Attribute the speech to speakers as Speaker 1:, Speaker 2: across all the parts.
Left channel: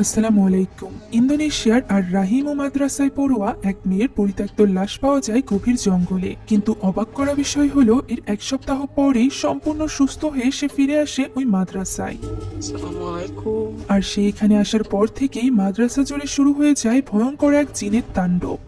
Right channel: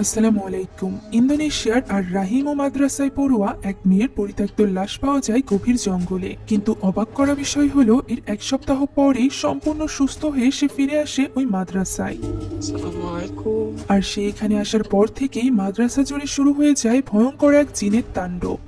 Speaker 1: আসসালামু আলাইকুম। ইন্দোনেশিয়ার আর রাহিমো মাদ্রাসায় পড়ুয়া এক মেয়ের পরিত্যক্ত লাশ পাওয়া যায় গভীর জঙ্গলে। কিন্তু অবাক করা বিষয় হলো এর এক সপ্তাহ পরেই সম্পূর্ণ সুস্থ হয়ে সে ফিরে আসে ওই মাদ্রাসায়। আর সে এখানে আসার পর থেকেই মাদ্রাসা জুড়ে শুরু হয়ে যায় ভয়ঙ্কর এক জিনের তাণ্ডব।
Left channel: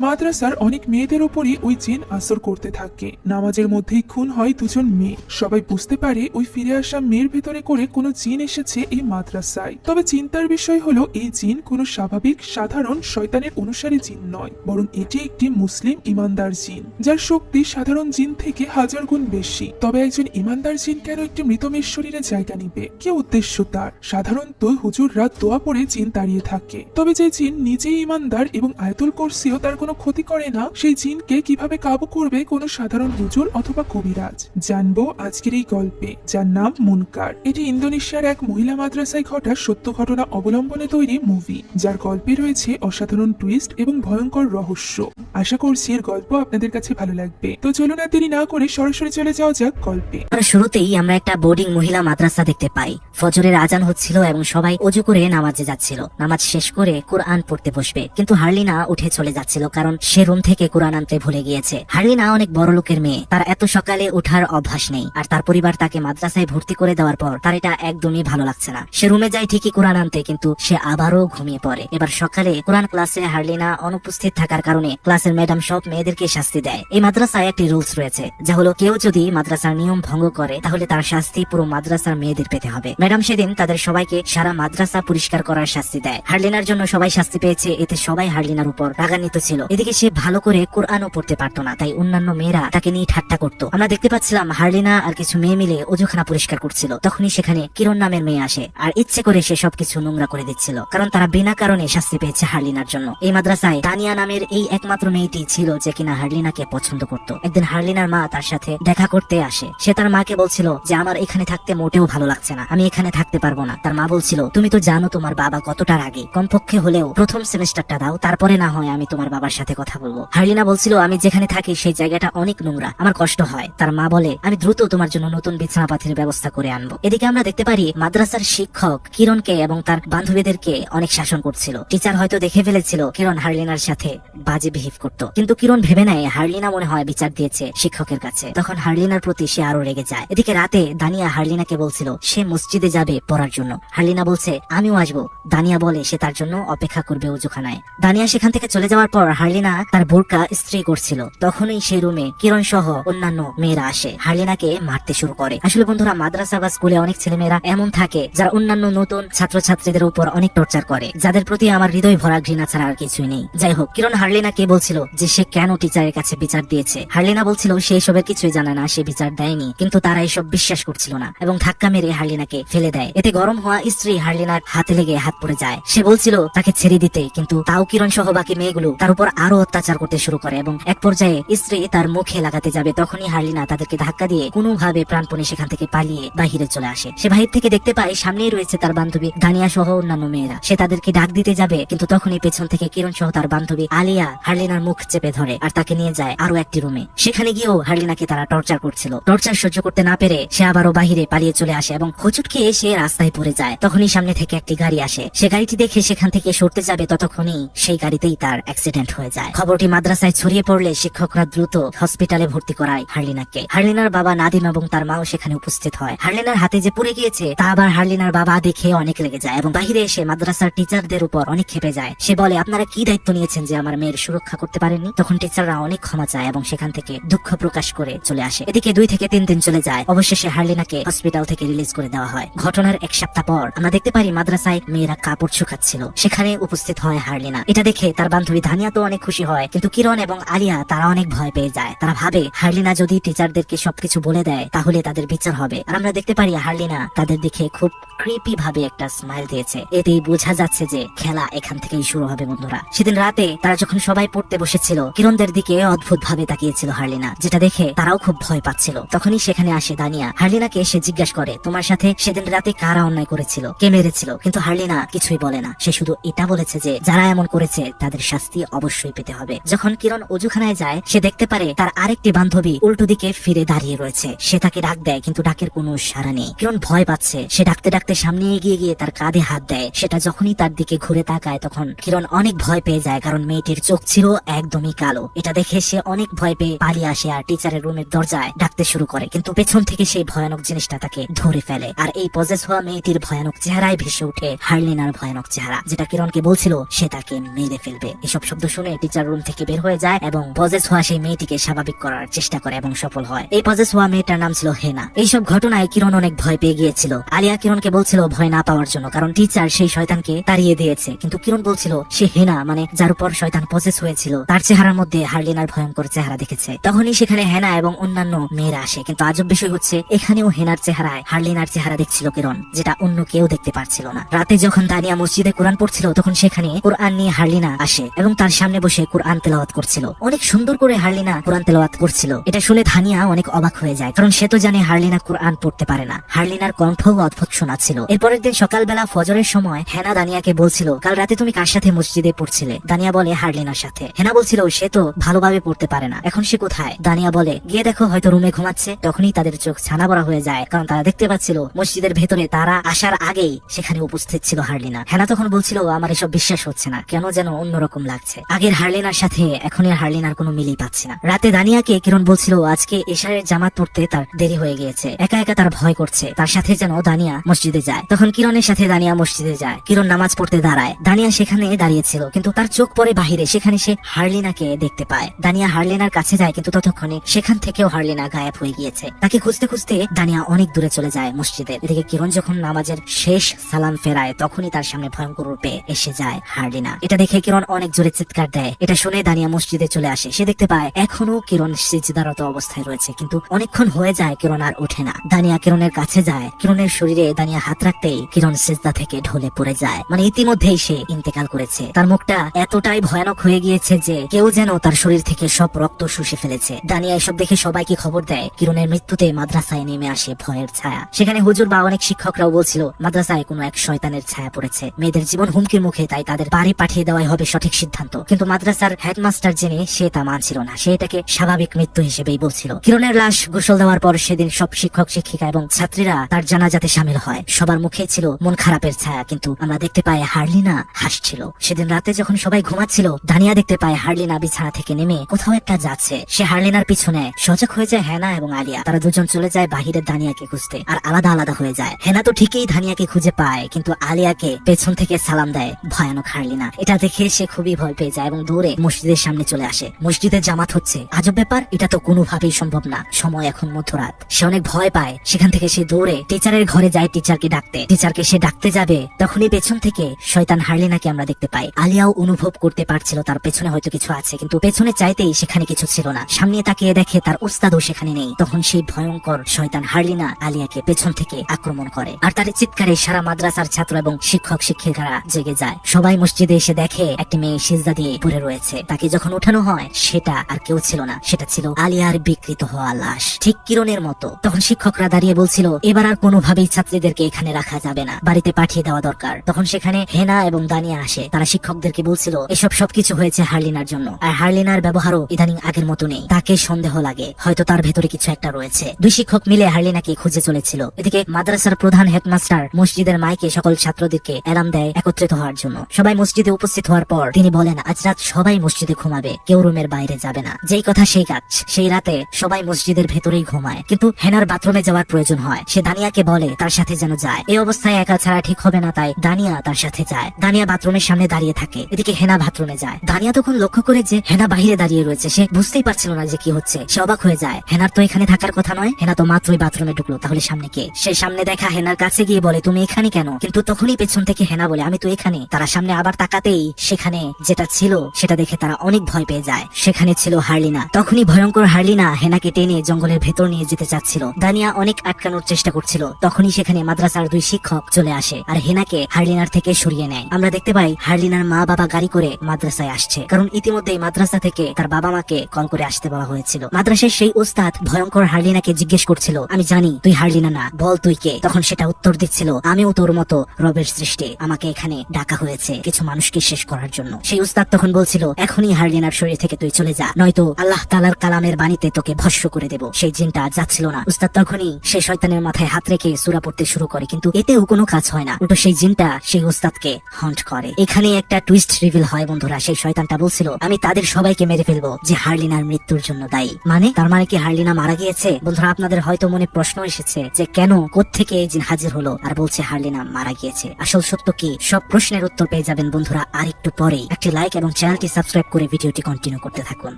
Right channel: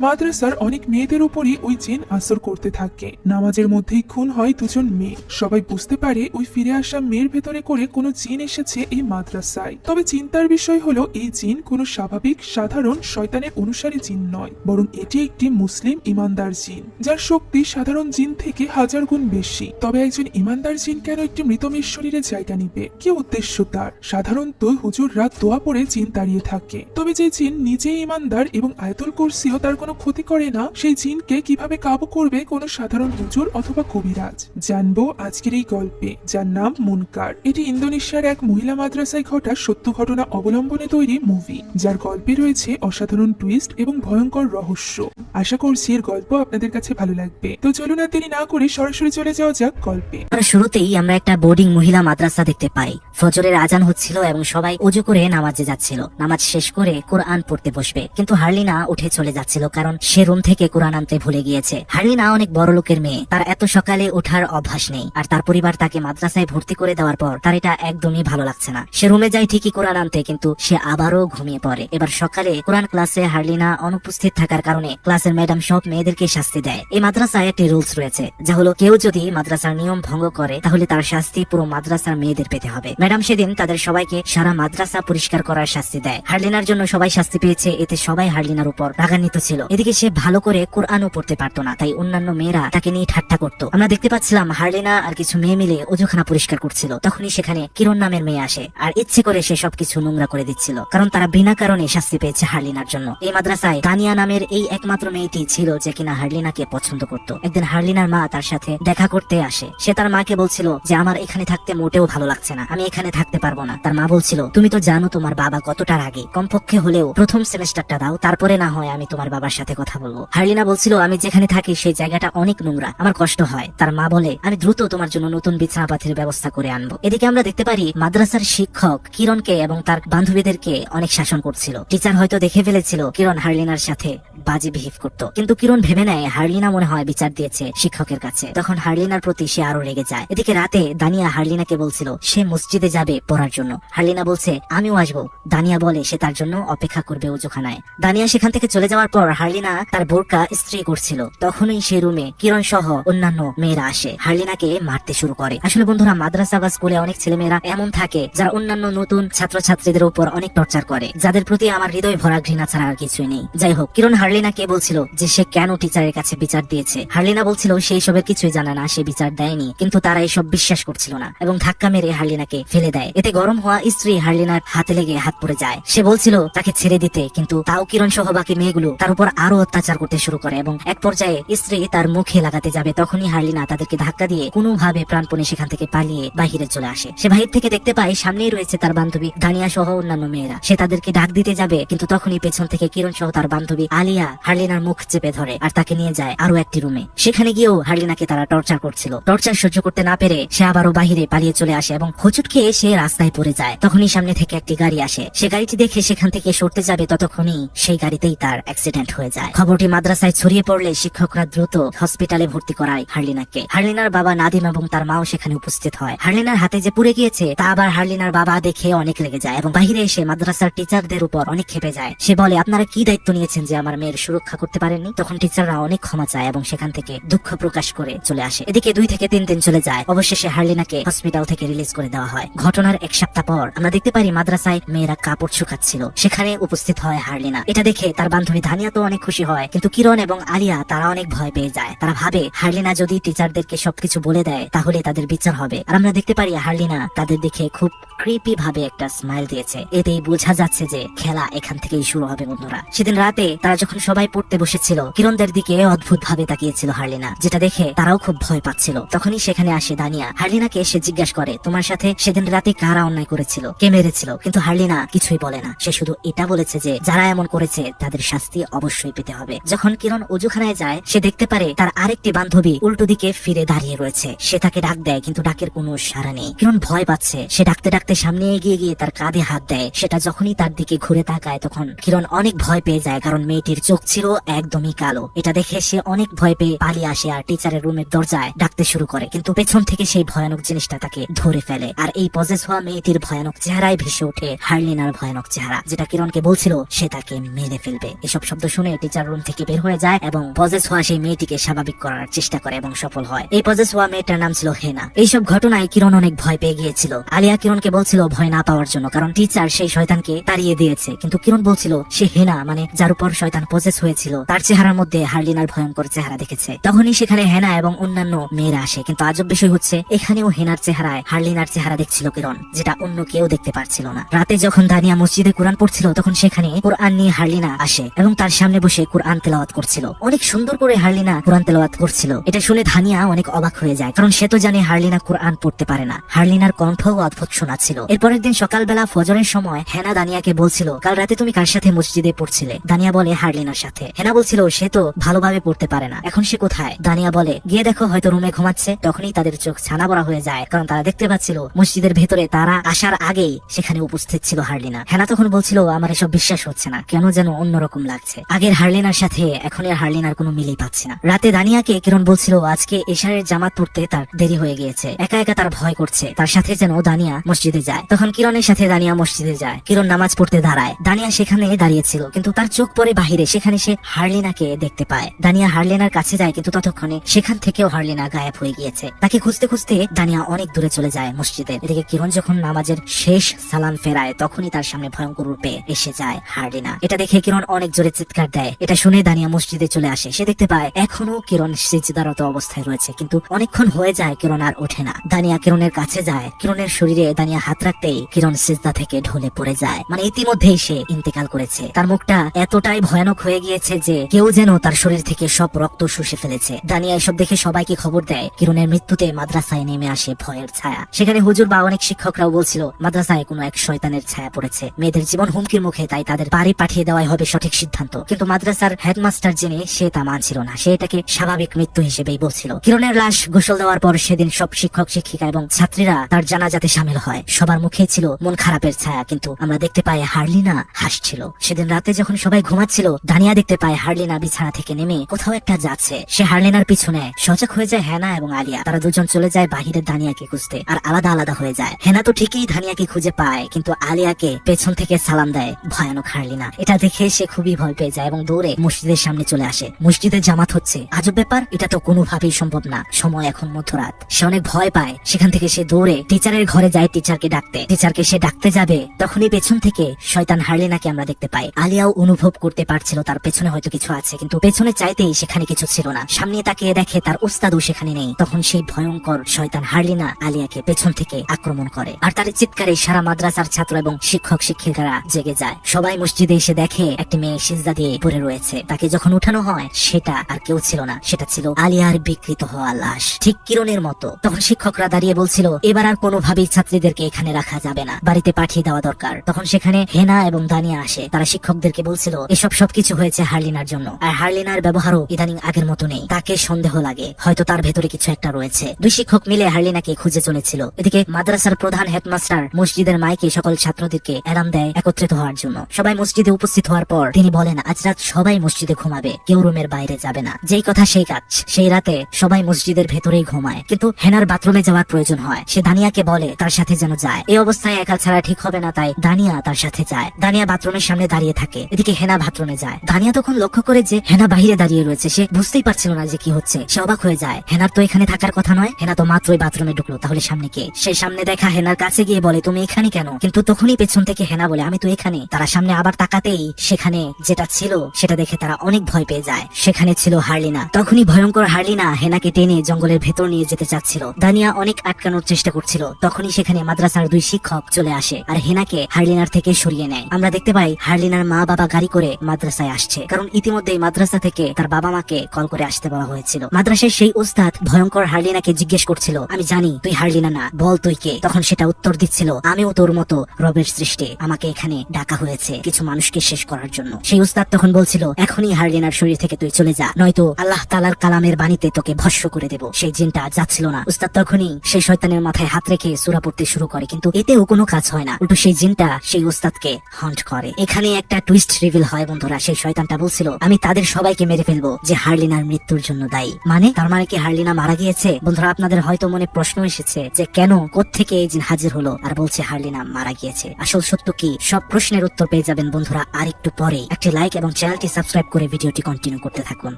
Speaker 1: মাদ্রাসার অনেক মেয়েদের উপরই ওই জিন আসর করতে থাকে। নামাজের মধ্যেই খুন হয় দুজন মেয়ে। সবাই বুঝতে পারে ওই ফিরে আসা মেয়ের ভেতরে করে কোনো জিন এসেছে এই মাদ্রাসায়। তবে চিন্তার বিষয় হলো, এই জিন কোনো স্বাভাবিক, সাধারণ, শয়তানের অনুসারী জিন নয়। বরং এটি একটি মুসলিম ইমানদার জিন, যার শক্তি সাধারণ জিন থেকে হাজার গুণ বেশি। তবে একজন ইমানদার জিন কেন একটি মৃত মেয়ের শরীরে জায়গা নিবে? কি উদ্দেশ্য তার? সাধারণত হুজুররা দোয়া পড়ে জিন দাঁড়িয়ে থাকে। তবে যে জিন নিজেই ইমানদার এবং আয়তুল করসিও তার কোনো ক্ষতি করে না, সেই জিনকে কীভাবে কাবু করবে কোনো সাধারণ হুজুর অথবা কবিরাজ? জানব আজকের এই গল্পে, যার নাম মুনকার। এটি ইন্দোনেশিয়ার এক মহিলা মাদ্রাসায় ঘটা সত্য ঘটনা অবলম্বনে তৈরি মুভি যার গল্পে রয়েছে অসাধারণ টুইস্ট এবং ভয়ঙ্কর রহস্য। আশা করছি এর গল্প আপনাদের কাছে ভালো লাগবে। তো চলুন আর দেরি না করে সরাসরি চলে যাওয়া যাক গল্পে।
Speaker 2: শুরুতেই আমরা একটা বোর্ডিং মহিলা মাদ্রাসা দেখতে পাই। ফজরের আজান হচ্ছিল এবং সবাই অজু করে নামাজে যাচ্ছিল। নামাজ শেষ করে কোরআন পড়তে বসবে, কিন্তু হার্লিনা উঠে চলে যাচ্ছিল কারণ সে রুম থেকে কোরআন আনতে ভুলে গিয়েছে। হার্লিনা অনেক বড় লোকের মেয়ে। তার এত সকালে উঠার অভ্যাস নেই। আর তার পরিবার তাকে মাদ্রাসায় ভর্তি করে দেওয়ার পর তার এটা একদমই ভালো লাগছে না। সে রুমে যায় ঠিকই কোরআন আনতে, কিন্তু সে আবারও ঘুমিয়ে পড়ে। এবার সকালে কোরআন ক্লাসে হার্লিনা অনুপস্থিত থাকার কারণে ক্লাসের ম্যাডাম সব মেয়েদেরকে শাস্তি দেয়। এই মাদ্রাসায় একটি রুলস রয়েছে, যা হলো কেউ যদি মাদ্রাসার নিয়ম ভঙ্গ করে, তাহলে তার শাস্তি পুরো মাদ্রাসার মেয়েদের পেতে হবে। ম্যাডাম সেদিন তাদের সবাইকে সারা মাদ্রাসা পরিষ্কার করার শাস্তি দেয়। হার্লিনার জন্য সবাই শাস্তি পেয়েছে, এতে সবাই হার্লিনার উপর রাগান্বিত ছিল। এদিকে সে ভালো করে কোরআনও পড়তে পারতো না, তাই অন্যান্য মেয়েরা তাকে নিয়ে ঠাট্টা করতো। আমরা দেখতে পাচ্ছিলাম হার্লিনা আর কিছু মেয়ে মিলে অজুখানা পরিষ্কার করছিল। তখনই সেখানে কিরণ নামের মেয়ে আসে আর ইচ্ছে করে সে সবকিছু নোংরা করে দিচ্ছিল, কারণ তারা বিনা কারণে শাস্তি পেয়েছে হার্লিনার জন্য। এই মাদ্রাসায় তানিয়া নামের এই একমাত্র মেয়েটি ছিল যে কিনা হার্লিনাকে পছন্দ করত। একদিন হার্লিনার মা তার সাথে দেখা করতে আসে। সে তার মাকে বলছিল যে, আমার এখানে থাকতে মোটেও ভালো লাগছে না। আমি এখানে থাকতে পারব না। তার মা বলছিল, তুমি তো জানো তোমার বাবা কতটা রাগে। কমপক্ষে হলেও প্রথম সেমিস্টারটা দাও, তারপরে না হয় আমি তোমার বাবার সাথে কথা বলব। হার্লিনা বলছিল, আমি যেখানে থাকি, সেই জায়গাটা অনেক নোংরা। আমার কষ্ট হয়। তার মা বলে, আমি দ্রুত তোমার জন্য নতুন বিছানাপাতির ব্যবস্থা করে আনব। এদিকে আমরা দেখতে পারি, মাদ্রাসার শিক্ষক কিরণকে এবং তার বান্ধবীদেরকে অনেক শাসন করছিল। টিচার হয়তো দেখে ফেলেছিল কিরণ হার্লিনার সাথে বাজে বিহেভ করত। কিন্তু কিরণ ভেবে নেয় হার্লিনা মনে হয় বিচার দিয়েছে শিক্ষকের কাছে। তখন হার্লিনার প্রতি সে আরও রেগে যায়। এদিকে রাতে দানিয়া হার্লিনাকে বলছিল, সে মসজিদে যাবে পড়ার জন্য। হার্লিনা বলছে, আমিও আসব। দানিয়া বলে, সে তার জন্য অপেক্ষা করবে অজুখানায়। দানিয়া সেখান থেকে চলে যাওয়ার পর হার্লিনা তার বোরকা স্ত্রী করছিল। তখনই সে রুমে কিরণ সহ অন্যান্য মেয়েরা আসে। হার্লিনাকে মারতে শুরু করে। আসলে বন্ধুরা, মাদ্রাসা বা স্কুলে অনেক ছেলেমেয়েরা এমন থাকে যারা অন্যান্য নতুন ছাত্রছাত্রীদের উপর অনেক টর্চার করে। যাদের প্রতি আমার হৃদয় ভরা ঘৃণা ছাড়া আর কিছুই নেই। যাই হোক, কিরণ হার্লিনা কে বলছিল যে সে কেন টিচারের কাছে বিচার দিয়েছে? হার্লিনা বলছিল, সে এসবের কিছুই জানে না, সে বিচার দেয়নি। কিন্তু তারা এসব বিশ্বাস করছিল না এবং ধাক্কা মেরে হার্লিনাকে ফেলে দেয়। এতে গরম হওয়া স্ত্রী হার্লিনার হাতে লেগে হাত পড়ে যায়। সে বলছিল, তাকে ছেড়ে দিতে, কিন্তু তাও কিরণ সহ বাকি মেয়েগুলো তার উপর আরও অত্যাচার করতে শুরু করে এবং এক পর্যায়ে স্ত্রী তার মুখে লাগাতে যাবে, তখনই হার্লিনা তাদেরকে ধাক্কা দিয়ে কোনোভাবে প্রাণপণে সেখান থেকে পালিয়ে বাহিরে চলে আসে। সে বাহির থেকে দেখতে পায় সামনেই রয়েছে তার বান্ধবী দানিয়া সহ অন্যান্য মেয়েরা। সে তাদেরকে ডাক দিতে যাবে, কিন্তু তখনই পেছন থেকে কিরণ সহ তার বান্ধবী আলিয়া হার্লিনার মুখ চেপে ধরে আর তাকে নিয়ে যায় আরও একটি রুমে। সেখানে গিয়েও হার্লিনাকে তারা টর্চার করছিল। টর্চার সহ্য করতে না পেরে সে আবারও বাহিরে পালিয়ে চলে আসে এবং হোঁচট খেয়ে সে রাস্তায় পড়ে যায়। তখনই সামনে থেকে একটি গাড়ি আসে। সে গাড়িটি দেখে সেখান থেকে সরতে যাবে, ততক্ষণই সেই গাড়িতেই তার অ্যাক্সিডেন্ট হয়ে যায়। খবরটি মাদ্রাসায় ছড়িয়ে পড়লে শিক্ষকরা দ্রুত হসপিটালে ভর্তি করায় হার্লিনাকে। হার্লিনার বাবা নাদিম এবং তার মাও সেখানে উপস্থিত হয়। হার্লিনার হাতে যে পুড়ে গিয়েছে, তা আবার হার্লিনার বাবা দেখে অনেক লেগে যায় এবং বাহিরে এসে মাদ্রাসার টিচারদের উপর অনেক খেপে যায়। সে বলে, আপনারা কি দায়িত্ব নিয়েছেন যে আমার মেয়ের সুরক্ষা করতে পারেননি? তখন টিচাররা অনেক ক্ষমা চায় এবং সেখান থেকে দুঃখ প্রকাশ করে চলে আসে। এদিকে দুই থেকে তিন দিন চলে যায়। অবশেষে হার্লিনাকে হসপিটাল থেকে রিলিজ করে দেওয়া হয়। ঘটনার এক সপ্তাহ পর আমরা দেখতে পারি মাদ্রাসায় মেয়েরা কাপড় শুকাচ্ছিল। সেখানে উপস্থিত হয় হার্লিনা। এটা দেখে তার বান্ধবী ধানিয়া তো অনেক খুশি হয়। কিন্তু কিরণ এবং আলিয়া তারা অনেক ভয় পেয়ে যায়। তারা ভাবে, হার্লিনা যদি টিচারদেরকে সবকিছু বলে দেয়, তাহলে তাদের বিচার হবে। আর আমরা দেখতে পারি, হার্লিনা তাদের দেখে খুব ক্রিপি ভাবে একটা স্মাইল দিয়েছে। এতেই বোঝা যাচ্ছে যে খেলা এখান থেকেই শুরু হবে, বন্ধুরা। সেদিন রাতে তারা যখন সবাই পড়তে বসেছিল, কিরণদের দিকে অদ্ভুত ভাবে তাকিয়েছিল হার্লিনা, যেটা দেখে তারাও খুব ভয় পাচ্ছিল। তখনই সেখানে আসে দানিয়া। হার্লিনাকে এসে জিজ্ঞেস করে, তোমার সাথে সেদিন রাতে কারা অন্যায় করেছিল? কে মেরেছিল? কিন্তু হার্লিনা কিছুই বলে না। সে শুধু এটা বলেছে যে, যারা এমন করেছে, তাদের শাস্তি অবশ্যই অবশ্যই পেতে হবে। যখন কিরণ অজুখানায় যায়, সে দেখতে পারে তার আরেকটি বান্ধবী উল্টো দিকে ফিরে দাঁড়িয়ে রয়েছে। সে তাকে ডাক দেয়, কিন্তু ডাকের কোনো সাড়া নেই। কিরণ ভয় পাচ্ছে। সে ডাকতে ডাকতে সামনে এগিয়ে গিয়ে তার কাঁধে হাত দেয়। সেটা যখনই তার দিকে ঘুরে তাকায়, তখন কিরণ অনেক ভয় পেয়ে যায়, কারণ মেয়েটির চোখ ছিল একদমই কালো। এটা দেখে সে অনেক ভয় পেয়ে পালিয়ে আসে আর টিচারের রুমের দরজায় ডাকতে শুরু করে। কিন্তু পেছন থেকে সেই ভয়ানক জিনিসটা তাকে ধরে ফেলে। আর এই পজেস হওয়া মেয়েটির ভয়ানক চেহারায় ভেসে ওঠে হার্লিনার ভয়ানক চেহারা, যেটা কিরণকে বলছিল, সে তাকে মেরে ফেলবে। এসব শব্দ শুনে টিচার রুম থেকে বের হয়ে যায় এবং পজেস হওয়া সেই মেয়েটিকে স্বাভাবিক করার চেষ্টা করে এবং সফল হয়। এই পজেস হওয়া মেয়েটার নাম ছিল হেনা। এইসব ঘটনায় কিরণ অনেক ভয় পেয়ে গিয়েছিল। আলিয়া কিরণকে বলছিল ভয় না পাওয়ার জন্য, কারণ টিচার সেই শয়তানকে তাড়িয়ে দিয়েছে। কিন্তু কিরণ বলছিল, সে হেনা মানে যার উপর শয়তান পজেস হয়েছিল, তার চেহারার মধ্যে হার্লিনার ভয়ঙ্কর চেহারা দেখেছে। তখনই সেখানে হেনা এবং অন্যান্য মেয়েরা আসে। কিন্তু আজব বিষয় হচ্ছে, এখানেও হেনার চেহারায় হার্লিনার চেহারা দেখছিল কিরণ, যেটা অন্য কেউ দেখতে পারছিল না। রাতে যখন দানিয়া মসজিদে কোরআন পড়ছিল, তখন সেখানে কোরআন নিয়ে হার্লিনা আসে এবং তার সামনে বসে কোরআন তেলাওয়াত করছিল। অনেক সুন্দর করে হার্লিনা কোরআন তেলাওয়াত করছিল। এটা শুনে ধানিয়া অনেক অবাক হয়ে যায়, কারণ সে তো জানে হার্লিনা কোরআন পড়তে পারে না। হার্লিনার কণ্ঠও অদ্ভুত শোনাচ্ছিল। এরপরের দিন সকালবেলা ফজরের সময় হেনা দানিয়াকে বলছিল, কাল রাতে তুমি কার সাথে মসজিদে পড়ছিলে? দানিয়া বলে, হার্লিনার সাথে। হেনা বলছিল, সে তো ভালোভাবে পড়তে পারে না। এখন সে কোথায়? দানিয়া বলে, গিয়ে দেখো, হয়তো রুমে ঘুমাচ্ছে। তখনই তাদের চোখ ছানা বড়া হয়ে যায়, কারণ তারা দেখতে পাচ্ছিল, মসজিদের ভেতরে তারা আসার আগেই সেখানে উপস্থিত ছিল হার্লিনা। হেনা তখন বলছিল, আমার এসব বিশ্বাস হচ্ছে না। কেন যেন অন্যরকম লাগছে। আগের হার্লিনার সাথে এখনের হার্লিনার কোনো মিলই পাচ্ছে না। রাতে দানিয়াকে কিরণ বলছিল, আজকে এশারের জামাত পড়তে তার দেরি হয়ে গিয়েছে। একা একা তার ভয় করছে। তার সাথে যেন দানিয়া মসজিদে যায়। তখন কিরণের সাথে দানিয়া মসজিদে যায়। কিরণ নামাজ পড়তে দাঁড়ায়। দানিয়া সেখানে দাঁড়িয়েছিল, কিন্তু তার চোখ পরে বাহিরে। সেখানে সে হার্লিনাকে দেখতে পায়। দানিয়া হার্লিনার কাছে যায়, কিন্তু ততক্ষণে সেখান থেকেও হার্লিনা গায়েব হয়ে গিয়েছে। তাকে খুঁজতে খুঁজতে দানিয়া অনেক দূরে চলে যায় মসজিদে। এদিকে কিরণ যখন নামাজের শেষ সালাম ফেরায়, তখনই তার সামনে ভয়ঙ্কর রূপে এসে যায় হার্লিনা। এটা দেখে কিরণ অনেক জোরে চিৎকার দেয়। এটা শুনে দানিয়া মসজিদে চলে আসে। সে দেখতে পায়, এখনও কিরণ সিজদারত অবস্থায় রয়েছে, কিন্তু অনেকক্ষণ হয়ে যায় কিরণ আর ওঠে না। দানিয়া কিরণের কাছে যায়। কিরণের শরীরে দানিয়া হাত রাখতেই কিরণ সিজদা থেকে ঢলে পড়ে যায়। মানে ইতিমধ্যেই সে ইন্তেকাল করেছে। তার মুখটা এতটাই ভয়ানক হয়ে গিয়েছে যে কেউ যেন তার শরীর থেকে সব রক্ত শুষে ফেলেছে। দানিয়া এসব দেখে সবাইকে খবর দেয়, কিরণের মৃত্যুতে মাদ্রাসায় নেমে আসে ভয়ের ছায়া। সেখানে হুজুর বা অনেক শিক্ষকরাও বলছিল, মাদ্রাসায় কোনো এক শয়তানের ছায়া পড়েছে। মেয়েদের জীবন হুমকির মুখে তাই তাদের বাড়ি পাঠিয়ে দেওয়াই হবে সঠিক সিদ্ধান্ত। কিন্তু মাদ্রাসার হেডমাস্টার যিনি, সে তা মানছিল না। সে এটাকে স্বাভাবিক মৃত্যু হিসেবেই বলছিল। কিরণের লাশ গোসল দেওয়ার পর সেদিন সব শিক্ষক, শিক্ষিকা এবং ছাত্রীরা তার জানাজাতে সামিল হয়। সবার মুখেই ছিল মন খারাপের ছায়া, কিন্তু আমরা দেখতে পাই হার্লিনা হাসছিল। সেদিন রাতে যখন সবাই ঘুমাচ্ছিল, দানিয়া দেখতে পায় হার্লিনা বিছানা থেকে নেমে কোথাও একটা যাচ্ছে। সে হার্লিনার পিছনে সজাগ হয়ে যায় হেনা এবং আলিয়া। তারা দুজন চলে যায় বাহিরে দানিয়াকে খুঁজতে আর আলাদা আলাদা হয়ে যায়। হেনা তো ঠিকই ধানিয়াকে খুঁজে পায়, কিন্তু আলিয়াকে পেছন থেকে সালাম দেয় ভয়ানক হার্লিনা। এটা দেখে সে খুবই ভয় পেয়ে যায়। এবং দৌড়ে মসজিদের সামনে চলে আসে। মসজিদে জামাত হচ্ছে, আজব ব্যাপার, এটা তো কোনোভাবেই সম্ভব না। সময় এখন মধ্যরাত। সে অনেক ভয় পায়। সেখান থেকে সে দৌড়ে টিচারের ঘরে যায় টিচারকে ডাকতে। টিচারকে সে ডাকতে যাবে, তখনই পেছন থেকে শয়তান হার্লিনাকে আমরা দেখতে পাই। আলিয়াও অনুভব করতে পারছিল, তার পেছনে হয়তো কিছু আছে, কিন্তু পেছনে চাইতেই সেখানে কিছু ছিল না। সামনে তাকিয়ে দেখে তার উস্তাদও সেখানে নেই। তখন সেই ভয়ঙ্কর শয়তান হার্লিনা আলিয়াকে পেছন থেকে আক্রমণ করে। আর তার চিৎকারে সারা মাদ্রাসার ছাত্র এবং শিক্ষক শিক্ষিকারা জেগে যায়। সবাই মসজিদে এসে দেখে, একটা মেয়ে সিজদা দিয়ে পড়ে রয়েছে। তাকে যখন উঠানো হয়, সেটা আর কেউ ছিল না। সেটা ছিল আলিয়ার বিকৃত হওয়া লাশ। ঠিক কিরণের মতো। তখন শিক্ষকরা দাঁড়িয়ে বলছিল, এবার আর কোনোভাবেই ছাত্রীদেরকে এখানে রাখা যাবে না। বাড়িতে পাঠিয়ে দেওয়া দরকার। তখন সেখানে হেনা এবং দানিয়া আসে। তারা শিক্ষকদেরকে বলছিল, এসব সবকিছু হয়েছে হার্লিনার জন্য। আর হার্লিনার ব্যবহারও ইদানিং আগের মতো নেই। তাকে সন্দেহ লাগে। হয়তো তার ভেতরে কিছু একটা রয়েছে। দুই শিক্ষক মিলে হার্লিনাকে খুঁজে চলেছিল। এদিকে মাদ্রাসার প্রধান হেডমাস্টার মসজিদের মাইকে সকল ছাত্রদেরকে এলাম দেয় একত্রিত হওয়ার জন্য। সবাই মসজিদে উপস্থিত হওয়ার পর তিনি বলেন, আজ রাত সবাই মসজিদে ঘুমাবে, কেউ রুমের বাইরে যাবে না। যেই কথা সেই কাজ। সেই রাতে সবাই মসজিদের ভেতরেই ঘুমায়। কিন্তু হেনার বাথরুমে যাওয়ার প্রয়োজন হয়। সে দানিয়াকে বলে, তার সাথে যেন যায়। এই অবস্থায় একা ছাড়া ঠিক হবে না, তাই দানিয়া তার সাথে যায়। দানিয়া বাথরুমের সামনে দাঁড়িয়ে থাকে। এদিকে হেনা বাথরুমে যায়। দানিয়া তখন লক্ষ্য করে যে হেনা বাইরে দাঁড়িয়ে রয়েছে। সে বুঝতেই পারছিল না যে কি হচ্ছে। সে অবাক হয়ে যায়। হেনার তো এখানে থাকার কথা নয়। হেনা তো মাত্রই বাথরুমে ঢুকলো। তাহলে সামনে কে? সে সামনে দেখা হেনার কাছে গিয়ে বলে, তুমি এখানে কেন? কিন্তু তখনই পেছন থেকে হেনা বলে, আমি তো এখানে। তারা সামনে আবার তাকাতেই সেখানে যেটা ছিল সেটা দেখে তারা অনেক ভয় পেয়ে যায়। সেখানে ছিল হার্লিনা। তখনই ভয়ঙ্কর হার্লিনা হেনাকে টেনে জঙ্গলের ভেতর নিয়ে যেতে চাচ্ছিল। দানিয়া অনেক আটকানোর চেষ্টা করছিল। তখনই সেখানে মাদ্রাসার দুই শিক্ষক চলে আসে আর হেনাকে হার্লিনার থেকে সরিয়ে নেয়। আমরা দেখতে পাই হার্লিনার মা বাবা গাড়ি করে মাদ্রাসায় আসছে। কারণ ইতিমধ্যেই মাদ্রাসা থেকে তার বাবা মাকে কল করে আসতে বলা হয়েছিল। মাদ্রাসায় সেই উস্তাদ ভয়ঙ্কর হার্লিনাকে জিজ্ঞেস করছিল, আমি জানি তুই হার্লিনা না। বল তুই কে? তখন সেটা উত্তর দিচ্ছিল, আমিও তোর মতো রবের সৃষ্টি। আমাকে এখানে ডাকা হয়েছে কিছু মানুষকে শেষ করার জন্য। সেই উস্তাদ তখন তখন বলছিল, এখনই হার্লিনার শরীর থেকে তুই চলে যা, নয়তো আল্লাহ তালার কালামের বাণীতে তোকে ভস্য করে দেব। সেই জিনটা যাচ্ছিল না। উস্তাদ তখনই সেই শয়তানের মাথায় হাত রেখে সুরা পড়তে শুরু করে, কিন্তু এতেও কোনো কাজ হয় না। উল্টো সেই জিনটা সেই উস্তাদকে হন্ট করে। এখানে একটা টুইস্ট রিভিল হয়, বন্ধুরা। সেই শয়তানটা বলছিল, আমি তাদের সবাইকে মেরে ফেলব যে হার্লিনার মৃত্যুর জন্য দায়ী। মানে তার মানে কি হার্লিনা মারা গিয়েছে? বন্ধুরা, আপনাদের হয়তো মনে প্রশ্ন এসেছে যে কেন, কোত্থেকে এই জিন হাজির হলো আর বলছে হার্লিনা মারা গিয়েছে? আসল সত্য কি? সব প্রশ্নের উত্তর পেয়ে যাবেন, বন্ধুরা আর একটু পরে। একটি লাইক এবং চ্যানেলটি সাবস্ক্রাইব করে ভিডিওটি কন্টিনিউ করতে থাকুন।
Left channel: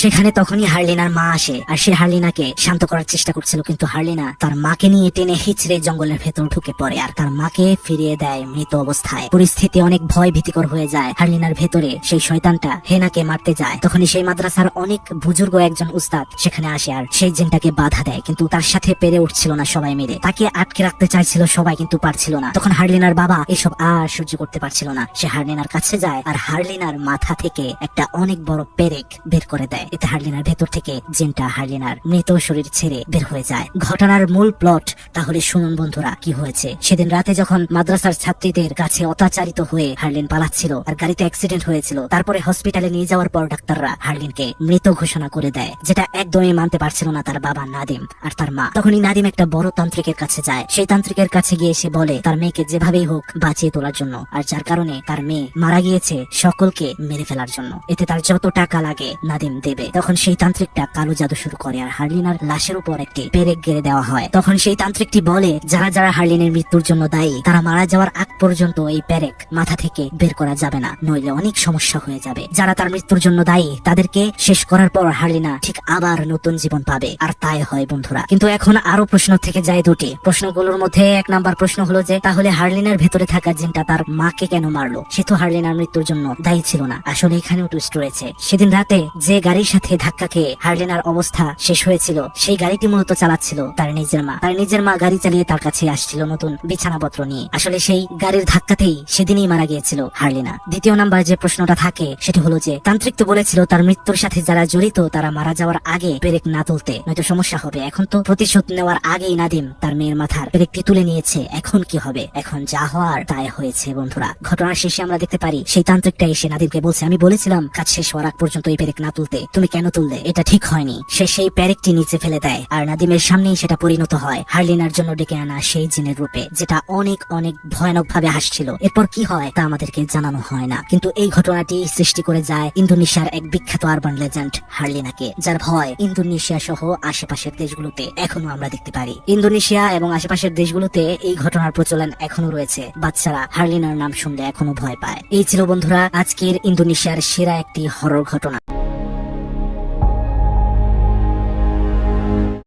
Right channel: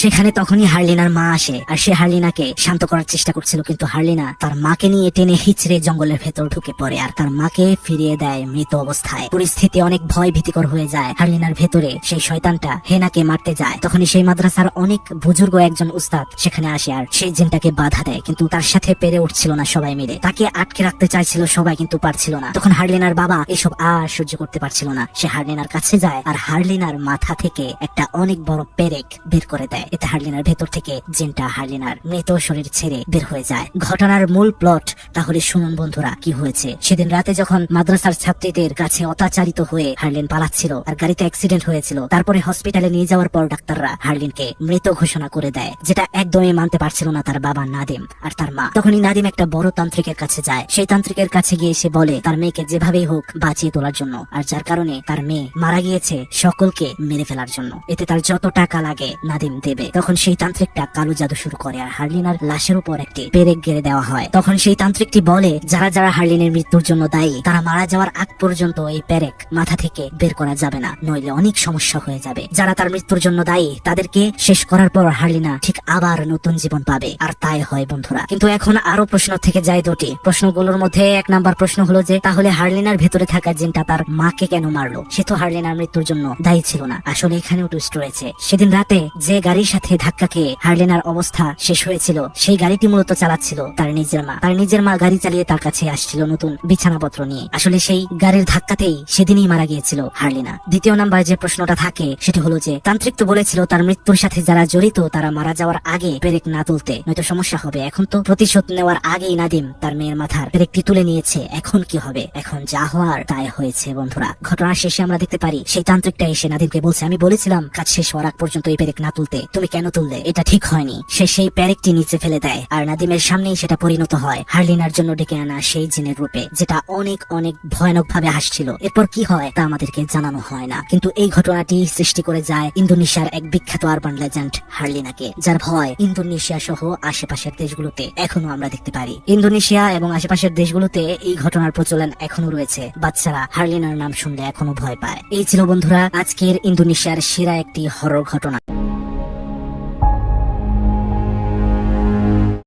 Speaker 2: সেখানে তখনই হার্লিনার মা আসে, আর সে হার্লিনাকে শান্ত করার চেষ্টা করছিল, কিন্তু হার্লিনা তার মাকে নিয়ে টেনে হিচড়ে জঙ্গলের ভেতর ঢুকে পড়ে, আর তার মাকে ফিরিয়ে দেয় মৃত অবস্থায়। পরিস্থিতি অনেক ভয় ভীতিকর হয়ে যায়। হার্লিনার ভেতরে সেই শয়তানটা হেনাকে মারতে যায়। তখনই সেই মাদ্রাসার অনেক বুজুর্গ একজন উস্তাদ সেখানে আসে, আর সেই জিনটাকে বাধা দেয়, কিন্তু তার সাথে পেরে উঠছিল না সবাই মিলে। তাকে আটকে রাখতে চাইছিল সবাই, কিন্তু পারছিল না। তখন হার্লিনার বাবা এসব আর সহ্য করতে পারছিল না। সে হার্লিনার কাছে যায়, আর হার্লিনার মাথা থেকে একটা অনেক বড় পেরেক বের করে দেয়। এতে হার্লিনার ভেতর থেকে জিনটা হার্লিনার মৃত শরীর ছেড়ে বের হয়ে যায়। ঘটনার মূল প্লট, তাহলে শুনুন বন্ধুরা, কি হয়েছে? সেদিন রাতে যখন মাদ্রাসার ছাত্রীদের কাছে অত্যাচারিত হয়ে হার্লিন পালাচ্ছিল আর গাড়িতে অ্যাক্সিডেন্ট হয়েছিল, তারপরে হসপিটালে নিয়ে যাওয়ার পর ডাক্তাররা হার্লিনকে মৃত ঘোষণা করে দেয়, যেটা একদমই মানতে পারছিল না তার বাবা নাদিম আর তার মা। তখনই নাদিম একটা বড় তান্ত্রিকের কাছে যায়। সেই তান্ত্রিকের কাছে গিয়ে সে বলে, তার মেয়েকে যেভাবেই হোক বাঁচিয়ে তোলার জন্য। আর যার কারণে তার মেয়ে মারা গিয়েছে, সকলকে মেরে ফেলার জন্য। এতে তার যত টাকা লাগে, নাদিম দেবে। তখন সেই তান্ত্রিকটা কালো জাদু শুরু করে আর হার্লিনার লাশের উপর একটি পেরেক গেড়ে দেওয়া হয়। তখন সেই তান্ত্রিকটি বলে, যারা যারা হার্লিনের মৃত্যুর জন্য দায়ী, তারা মারা যাওয়ার আগ পর্যন্ত এই পেরেক মাথা থেকে বের করা যাবে না, নইলে অনেক সমস্যা হয়ে যাবে। যারা তার মৃত্যুর জন্য দায়ী, তাদেরকে শেষ করার পর হার্লিনা ঠিক আবার নতুন জীবন পাবে। আর তাই হয় বন্ধুরা। কিন্তু এখন আরও প্রশ্ন থেকে যায় দুটি। প্রশ্নগুলোর মধ্যে এক নাম্বার প্রশ্ন হলো যে, তাহলে হার্লিনার ভেতরে থাকা জিনটা তার মাকে কেন মারলো? সে তো হার্লিনার মৃত্যুর জন্য দায়ী ছিল না। আসলে এখানেও টুইস্ট রয়েছে। সেদিন রাতে যে গাড়ির সাথে ধাক্কা খেয়ে হার্লিনার অবস্থা শেষ হয়েছিল, সেই গাড়িটি মূলত চালাচ্ছিল তার নিজের মা। তার নিজের মা গাড়ি চালিয়ে তার কাছে আসছিল নতুন বিছানাপত্র নিয়ে। আসলে সেই গাড়ির ধাক্কাতেই সেদিনই মারা গিয়েছিল হার্লিনা। দ্বিতীয় নাম্বার যে প্রশ্নটা থাকে, সেটি হলো যে, তান্ত্রিক তো বলেছিল তার মৃত্যুর সাথে যারা জড়িত, তারা মারা যাওয়ার আগে পেরেক না তুলতে, নয়তো সমস্যা হবে। এখন তো প্রতিশোধ নেওয়ার আগেই নাদিম তার মেয়ের মাথার পেরেকটি তুলে নিয়েছে। এখন কি হবে? এখন যা হওয়ার তাই হয়েছে, বন্ধুরা। ঘটনার শেষে আমরা দেখতে পারি, সেই তান্ত্রিকটা এসে নাদিমকে বলছে, আমি বলেছিলাম, কাজ শেষ হওয়ার আগ পর্যন্ত এই পেরেক না তুলতে। তুমি কেন তুললে? এটা ঠিক হয়নি। সে সেই পেরেকটি নিচে ফেলে দেয়, আর নাদিমের সামনেই সেটা পরিণত হয়। হার্লিনার জন্য ডেকে আনা সেই জিনের রূপে, যেটা অনেক অনেক ভয়ানক ভাবে আসছিল এরপর কি হয় তা আমাদেরকে জানানো হয় না। কিন্তু এই ঘটনাটি সৃষ্টি করে যায় ইন্দোনেশিয়ার এক বিখ্যাত আরবান লেজেন্ড, হার্লিনাকে, যার ভয় ইন্দোনেশিয়া সহ আশেপাশের দেশগুলোতে এখনও আমরা দেখতে পারি। ইন্দোনেশিয়া এবং আশেপাশের দেশগুলোতে এই ঘটনার প্রচলন এখনও রয়েছে। বাচ্চারা হার্লিনার নাম শুনলে এখনও ভয় পায়। এই ছিল বন্ধুরা, আজকের ইন্দোনেশিয়ার সেরা একটি হরর ঘটনা।